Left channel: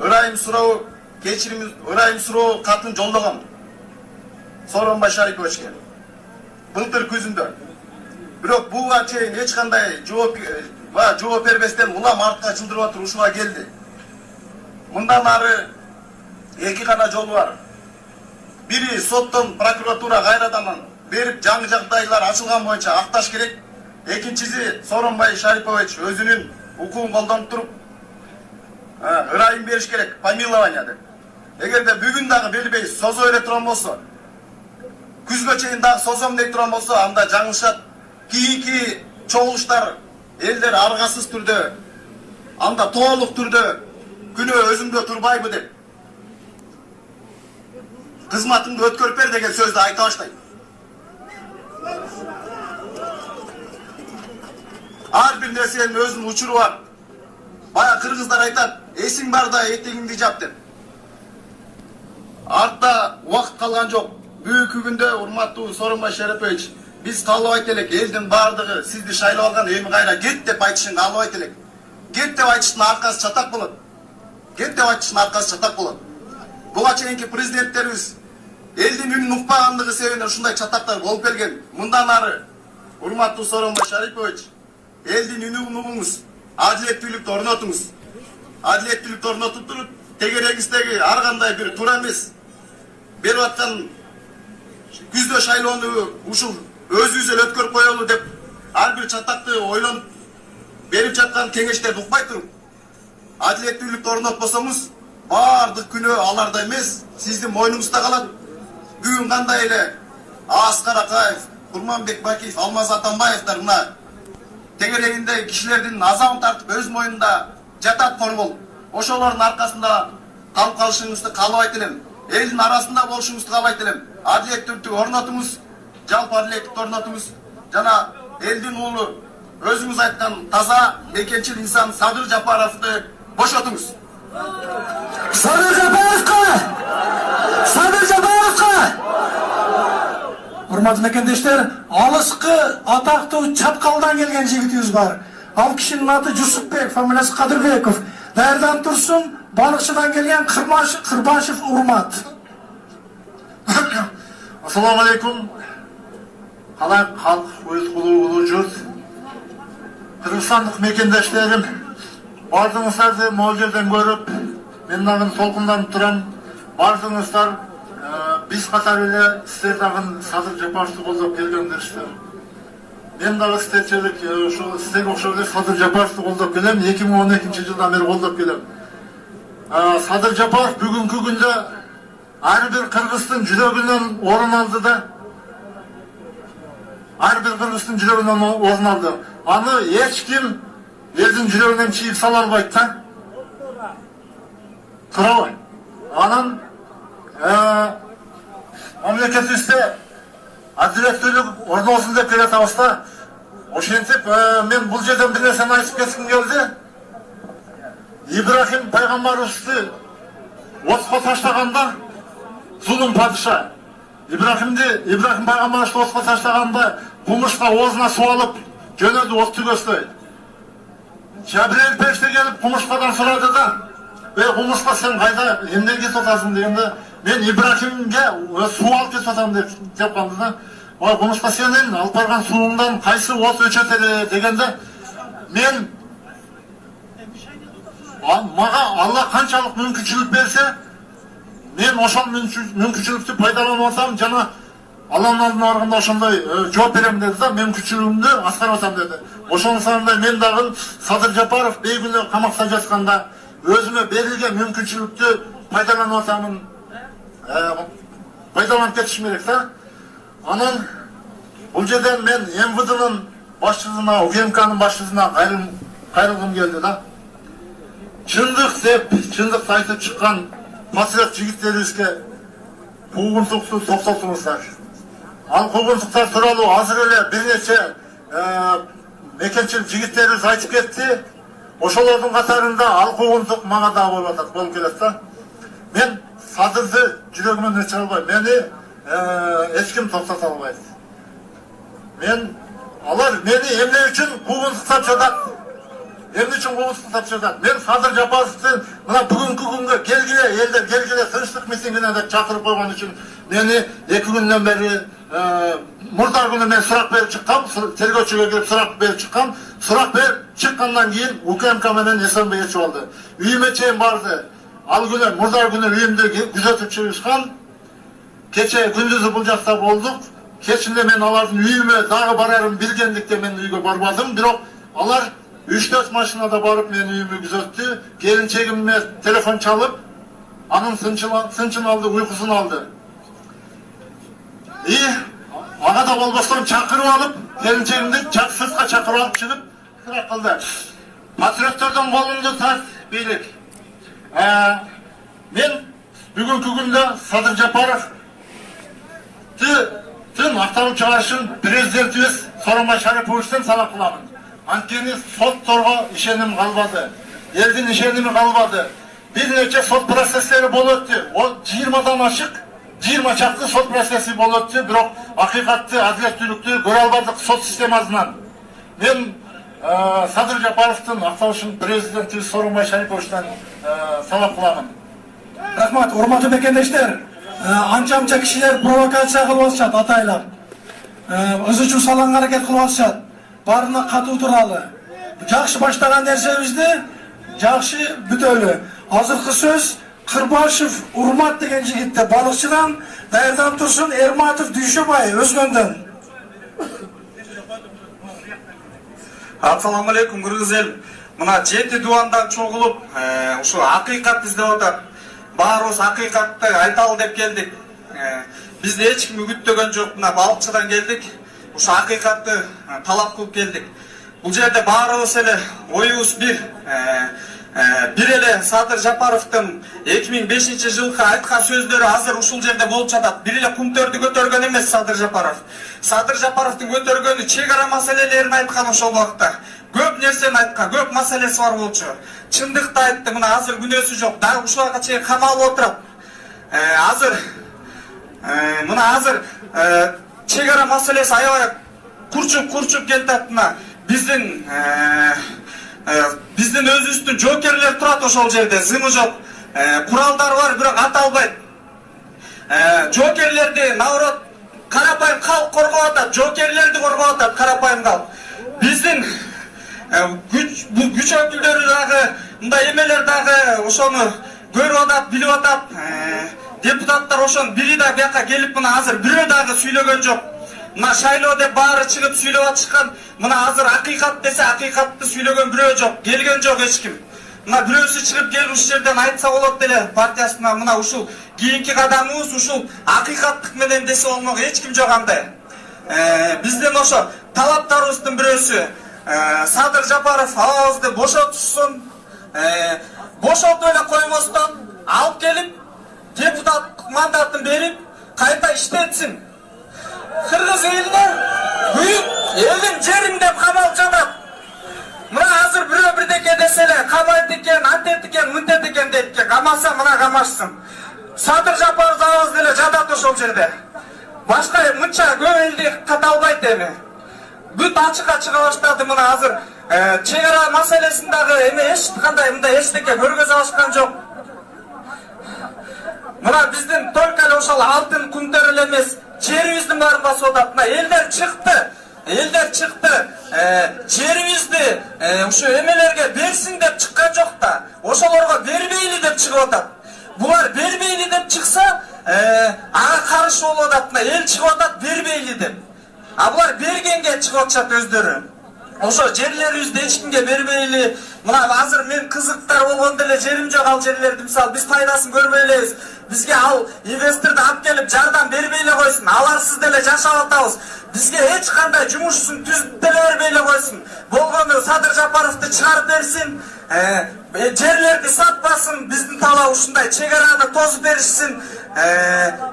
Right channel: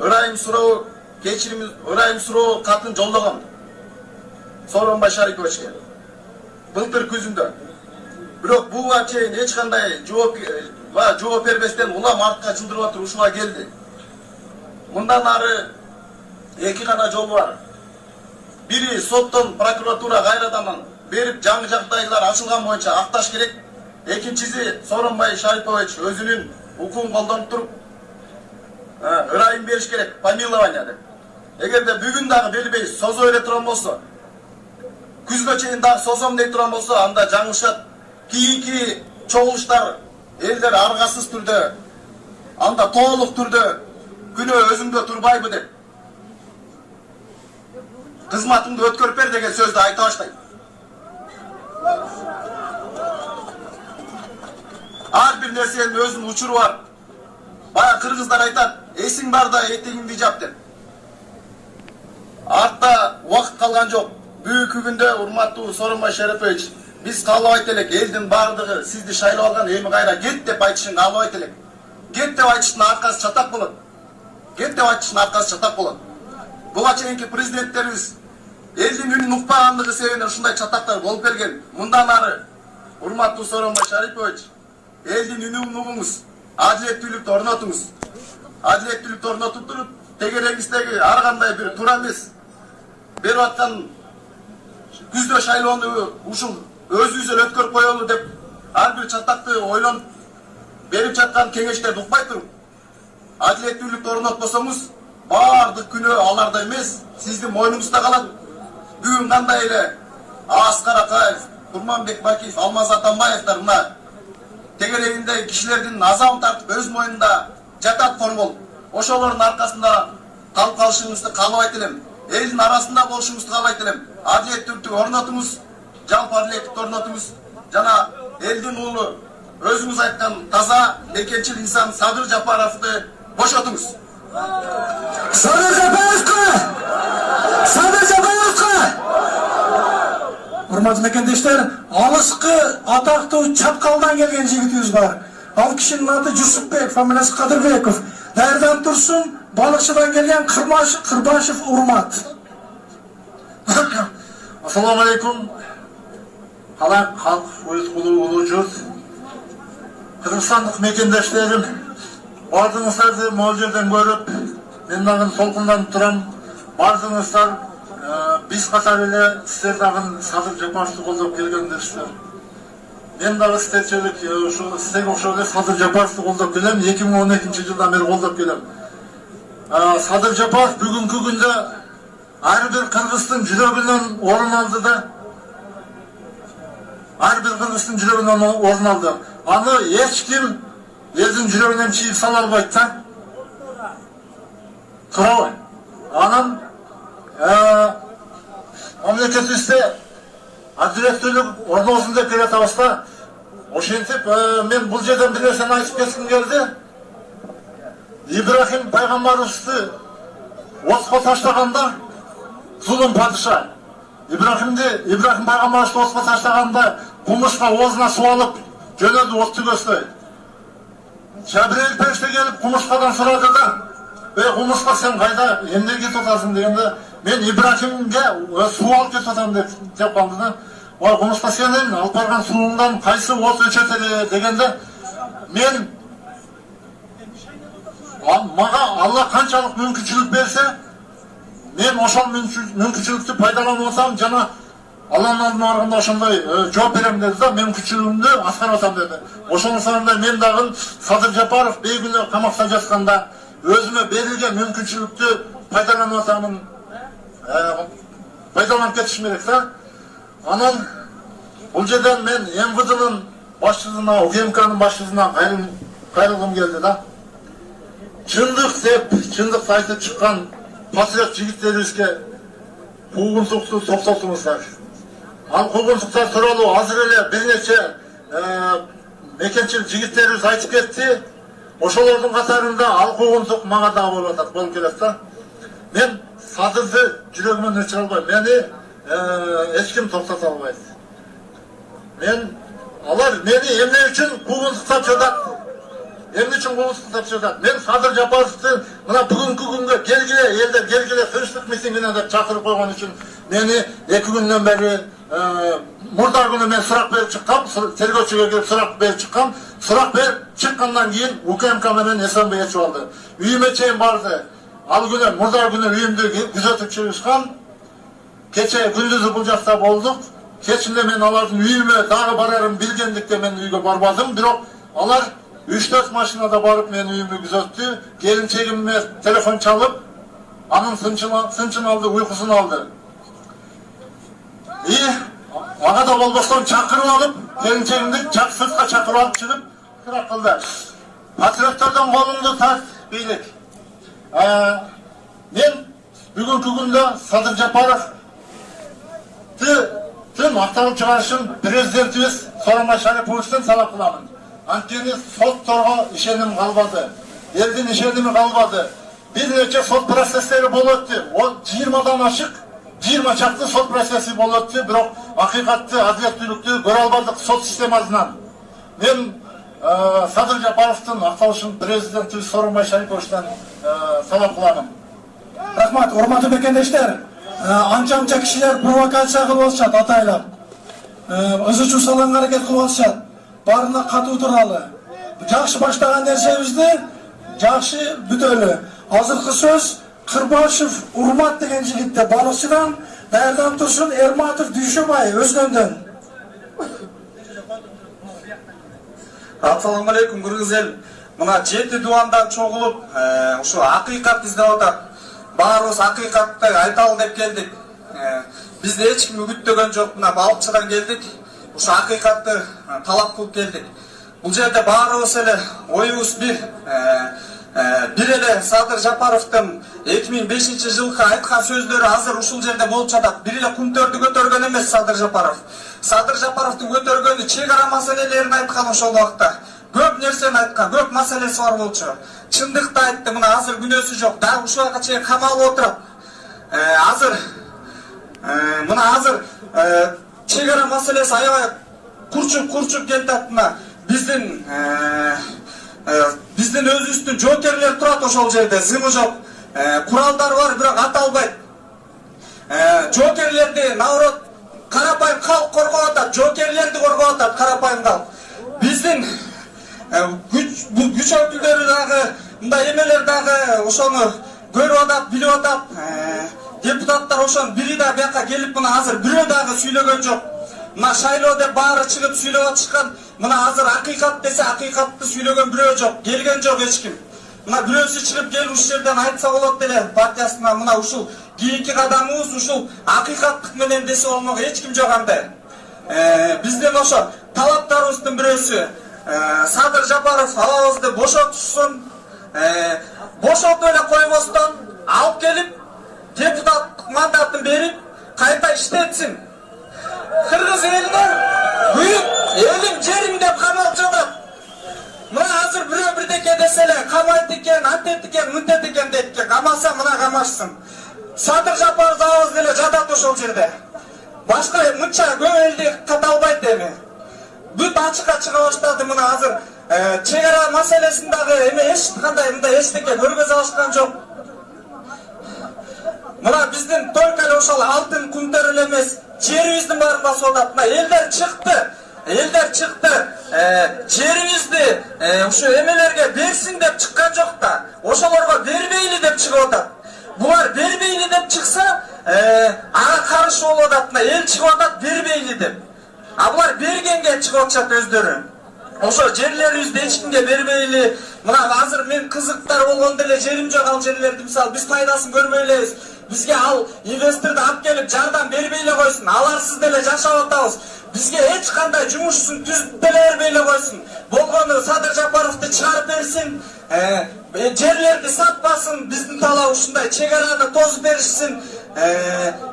ырайым суроо кечирим ырайым суроо катын жолдогон Сооронбай Шариповичке былтыр күзүндө. Бирок буга чейин эч кандай жооп бербестен улам артка жылдырып атып ушуга келди. Мындан ары эки гана жол бар. Бири соттон прокуратура кайрадан берип жаңы жагдайлар ачылган боюнча акташ керек. Экинчиси Сооронбай Шарипович өзүнүн укугун колдонуп туруп ырайым бериш керек, помилование деп. Эгерде бүгүн дагы бербей созо бере турган болсо, күзгө чейин дагы созом дей турган болсо, анда жаңылышат. Кийинки чогулуштар элдер аргасыз түрдө, анда толук түрдө күнөө өзүмдө турбайбы деп кызматымды өткөрүп бер деген сөздү айта баштайт. Ар бир нерсенин өзүнүн учуру бар. Бая кыргыздар айтат, эсиң барда этегиңди жап деп. Артта убакыт калган жок. Бүгүнкү күндө урматтуу Сооронбай Шарипович, биз каалабайт элек элдин баардыгы сизди шайлап алган, эми кайра кет деп айтышын каалабайт элек. Кет деп айтыштын аркасы чатак болот. Кет деп айтыштын аркасы чатак болот. Буга чейинки президенттерибиз элдин үнүн укпагандыгы себебинен ушундай чатактар болуп келген. Мындан ары урматтуу Сооронбай Шарипович, элдин үнүн угуңуз, адилеттүүлүктү орнотуңуз. Адилеттүүлүктү орнотуп туруп, тегерегиздеги ар кандай бир туура эмес берип аткан күздө шайлоону ушул өзүбүз эле өткөрүп коелу деп ар бир чатакты ойлонуп берип жаткан кеңештерди укпай туруп, адилеттүүлүктү орнотпосоңуз, баардык күнөө аларда эмес, сиздин мойнуңузда калат. Бүгүн кандай эле Аскар Акаев, Курманбек Бакиев, Алмаз Атамбаевдер мына тегерегинде кишилердин азабын тартып өз мойнунда жатат корбол. Ошолордун аркасында калып калышыңызды каалабайт элем. Элдин арасында болушуңузду каалайт элем. Адилеттүүлүктү орнотуңуз, жалпы адилеттүүлүктү орнотуңуз жана элдин уулу өзүңүз айткан таза мекенчил инсан Садыр Жапаровду бошотуңуз. Садыр Жапаровго! Садыр Жапаровго! Урматтуу мекендештер, алыскы атактуу Чапкалдан келген жигитибиз бар. Ал кишинин аты Жусупбек, фамилиясы Кадырбеков. Даярданып турсун, Балыкчыдан келген Кырбашев Урмат. Ассаламу алейкум. Халк улуу журт. Кыргызстандык мекендештерим, бардыгыңыздарды могул жерден көрүп, мен дагы толкунданып турам. Бардыгыңыздар биз катары эле сиздер дагы Садыр Жапаровду колдоп келгендерсиздер. Мен дагы сиздерчелик ушул сиздерге окшоп эле Садыр Жапаровду колдоп келем. 2012-жылдан бери колдоп келем. Садыр Жапаров бүгүнкү күндө ар бир кыргыздын жүрөгүнөн орун алды да. Ар бир кыргыздын жүрөгүнөн орун алды. Аны эч ким элдин жүрөгүнөн чийип сала албайт да. Туурабы? Анан мамлекетибизде адилеттүүлүк орносун деп келе атабыз да. Ошентип мен бул жерден бир нерсени айтып кетким келди. Ибрахим пайгамбарыбызды отко таштаганда зулум падыша. Ибрахим пайгамбарыбызды отко таштаганда кумушка оозуна суу алып жөнөдү от түгөсдөй. Жабрейил периште келип кумушкадан сурады да, кумушка сен кайда эмнеге кетип атасың дегенде, мен Ибрахимге суу алып кетип атам деп калды да. Кумушка сенин алып барган сууңдан кайсы от өчөт эле дегенде, мен мага Алла канчалык мүмкүнчүлүк берсе, мен ошол мүмкүнчүлүктү пайдаланып атам жана Алланын алдына барганда ошондой жооп берем деди да, мүмкүнчүлүгүмдү аткарып атам деди. Ошонун соңунда мен дагы Садыр Жапаров бейгүнөө камакта жатканда өзүмө берилген мүмкүнчүлүктү пайдаланып атамын. Пайдаланып кетишим керек да. Анан бул жерден мен МВДнын башчысына, УГМКнын башчысына кайрылгым келди да. Чындык деп, чындыкты айтып чыккан патриот жигиттерибизге куугунтукту токтотуңуздар. Ал куугунтуктар тууралуу азыр эле бир нече мекенчил жигиттерибиз айтып кетти. Ошолордун катарында ал куугунтук мага да болуп келет да. Мен Садырды жүрөгүмөн өчүрө албайм. Мени эч ким токтото албайт. Алар мени эмне үчүн куугунтуктап жатат? Emne için oluştu tapşıracak. Ben Sadır Japarov'tun buna bugünkü günge gelgile, elder gelgile tınçlık mitingine de çakırıp koygan için beni 2 günden beri murdar günü ben sorak berip çıkkam, tergöçüge girip sorak berip çıkkam. Sorak berip çıkkandan keyin UKMK menen Esenbey'e çoğaldı. Üyüme çeyin bardı. Al günü, murdar günü üyümde güzetip çıkışkan. Keçe gündüzü bulcakta bolduk. Keçinde men alardın üyüme dağı bararım bilgendikte men üyge barbadım. Birok alar 3-4 maşinada barıp men üyümü güzetti. Gelin çekimime telefon çalıp anın sınçın aldı, uykusunu aldı. İyi, ağa da olmasından çakırıp alıp gelin çekimde sırtla çakırıp alıp çıkıp kırak kıldı. Patriotlardan kolundu tas beylik. Men bugünkü günde Sadır Japarov tüm aktarıp çıkarışın prezidentimiz Sooronbay Sharipovичтен salak kılamın. Antkeni sot torga işenim kalmadı. Eldin işenimi kalmadı. Bir neçe sot prosesleri boluttı. O 20'dan aşık 20 çaktı sot prosesi boluttı. Birok hakikatlı, adaletlülüktü, göre almadık sot sistemi azından. Men Sadır Japarov'tun aktarışın prezidentimiz Sooronbay Sharipovичтен salak kılamın. Rahmat, hormatly bekendeşler. Ança kişiler provokatsiya kılıp atışat ataylap. Özü üçün salan hareket kılıp atışat. Barına katуу turalı. Жақшы başlagan nersebizdi, жақшы bütölü. Azırkı söz Kırbaşev Urmat degen jigitте balıkçıdan, Dayrdan Tursun Ermatov Dүйшөбай Özgöndөн. Assalamu alaikum Kırgız el. Mına 7 duandan çoğulup, uşu hakikat izdep atat. Баарыбыз акыйкатты айталы деп келдик. Бизди эч ким үгүттөгөн жок. Мына балыкчыдан келдик. Ушу акыйкатты талап кылып келдик. Бул жерде баарыбыз эле оюбуз бир. Бир эле Садыр Жапаровдун 2005-жылкы айткан сөздөрү азыр ушул жерде болуп жатат. Бир эле кумтөрдү көтөргөн эмес Садыр Жапаров. Садыр Жапаровдун көтөргөнү чек ара маселелерин айткан ошол убакта. Көп нерсени айткан, көп маселеси бар болчу. Чындыкты айтты, мына азыр күнөөсү жок. Дагы ушуга чейин камалып отурат. Азыр мына азыр чек ара маселеси аябай курчуп келатат. Мына биздин өзүбүздүн жоокерлер турат ошол жерде, зымы жок. Куралдар бар, бирок аталбайт. Жоокерлерди наоборот карапайым калк коргоп атат, жоокерлерди коргоп атат карапайым калк. Биздин güç ökülleri dağı, mınday emeler dağı ошону көрүп атат, билип атат. Депутаттар ошонун бири да бияка келип мына азыр бирөө дагы сүйлөгөн жок. Мына шайлоо деп баары чыгып сүйлөп атышкан. Мына азыр акыйкат десе акыйкатты сүйлөгөн бирөө жок, келген жок эч ким. Мына бирөөсү чыгып келип ушул жерден айтса болот деле партиясына мына ушул кийинки кадамыбыз ушул акыйкаттык менен десе болмок эч ким жок андай. Биздин ошо талаптарыбыздын бирөөсү Садыр Жапаров авабызды бошотушсун, бошотуп эле коймостон алып келип депутаттык мандатын берип кайта иштетсин. Кыргыз элинин büyük элим жерим деп камалып жатат. Мына азыр бирөө бирдеке десе эле камайт экен, антет экен, мынтет экен дейт экен. Камаса мына камашсын. Садыр Жапаров авабыз деле жатат ошол жерде. Башка мынча көп элди каталбайт эми. Бүт ачыкка чыга баштады мына азыр. Чек ара маселесин дагы эме эч кандай мындай эчтеке көргөзө алышкан жок. Мына биздин только эле ошол алтын күндөр эле эмес, жерибиздин баарын басып атат. Мына элдер чыкты. Жерибизди ушу эмелерге берсин деп чыккан жок да. Ошолорго бербейли деп чыгып атат. Булар бербейли деп чыкса, ага каршы болуп атат. Мына эл чыгып атат бербейли деп. А булар бергенге чыгып атышат өздөрү. Ошо жерлерибизди эч кимге бербейли. Мына азыр мен кызыктар болгондо эле жерим жок, ал жерлерди мисалы биз пайдасын көрбөй элебиз. Бизге ал инвесторду алып келип жардам бербей эле койсун. Аларсыз деле жашап атабыз. Бизге эч кандай жумушун түзүп деле бербей эле койсун. Болгону Садыр Жапаровду чыгарып берсин. Жерлерди сатпасын. Биздин талап ушундай чек араны тосуп беришсин.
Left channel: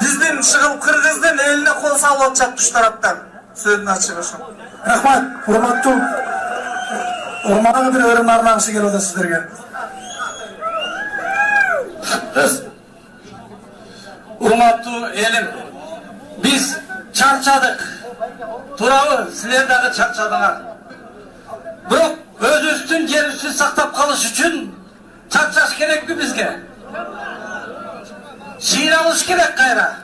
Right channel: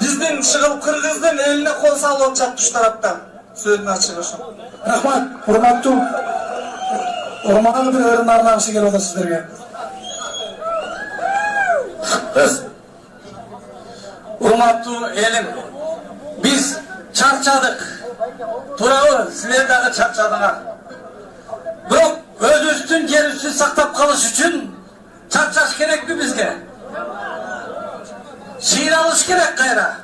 Биздин чыгып кыргыздын элине кол салып атышат туш тараптан. Сөзүн ачык ошо. Rahmat, hormatly Ormana bir öğren arnağısı geliyor da sizlerge. Urmatlı elim, biz çarçadık. Turabı sizler dağı çarçadılar. Bırak öz üstün üçün, жерimizni saqlab qolish uchun charchash kerakmi bizga? Siynalish kerak qayra.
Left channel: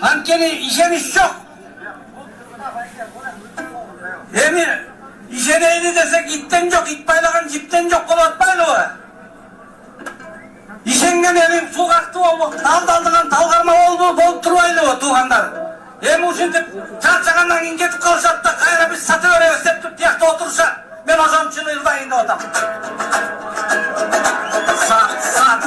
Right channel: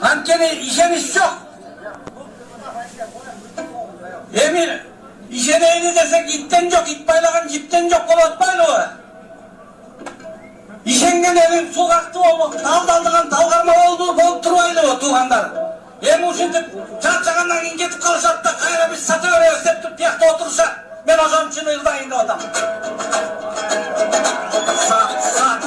Hamkeni işemiz yok. Emi işeneydi desek itten yok, it baylagan cipten yok bolatmaylı o. İşengen elin su kalktı oldu, daldaldığın talgarma oldu, bolup durmaylı o tuğanlar. Emi uşintip çarçagandan ingetip kalışat da kayra biz satı veremiz dep tiyakta otursa ben hocam için ırdayın da adam. Sat